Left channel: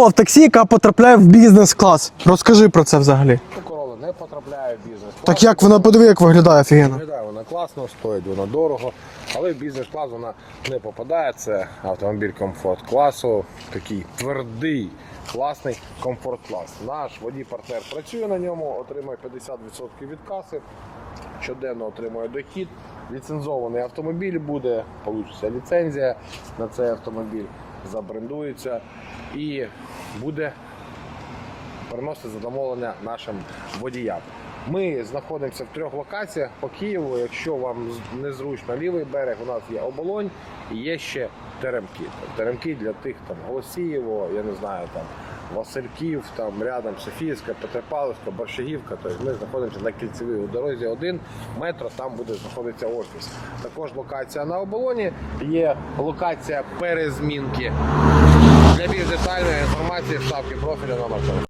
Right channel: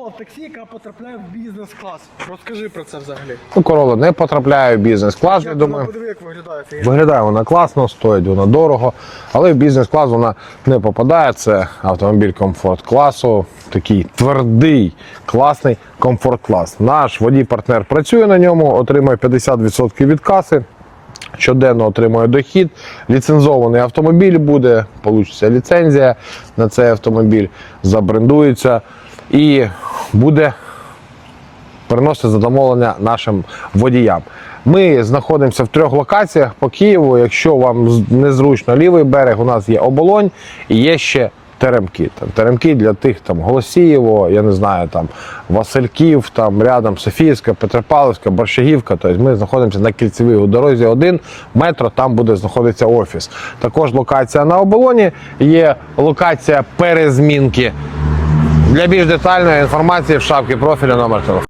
Corolla в таксі, яка потрапляє в бізнес-клас. Розкажи про це взагалі. Ну, Corolla не потрапляє в бізнес-клас. Так як вона, подиви, як виглядає, офігенно. Виглядає вона класно, стоїть вона дорого, але в бізнес-клас вона не попадає. Це автомобіль комфорт-класу, такий твердий, класний комфорт-клас. Наш водій-партнер працює на ньому, отримує 50% від каси, щоденно отримує дохід, ліцензований автомобіль буде, получиться ліцензія на цей автомобіль, забрендується і буде приносити задоволення нашим водіям. Ми знаходимося в 3 локаціях по Києву. Якщо вам незручно лівий берег, у нас є Оболонь і є ще Теремки. Теремки для тих, там, Голосіїво, я не знаю, там, Васильків, там, рядом Софіївська, Петропавлівська, Борщагівка. Тобто ми знаходимося на кільцевій у дорозі 1, метро, там буде знаходитися офіс. Також локація на Оболоні, є локація перезмінки. Для більш детальної інформації в шапці профілю номер телефону.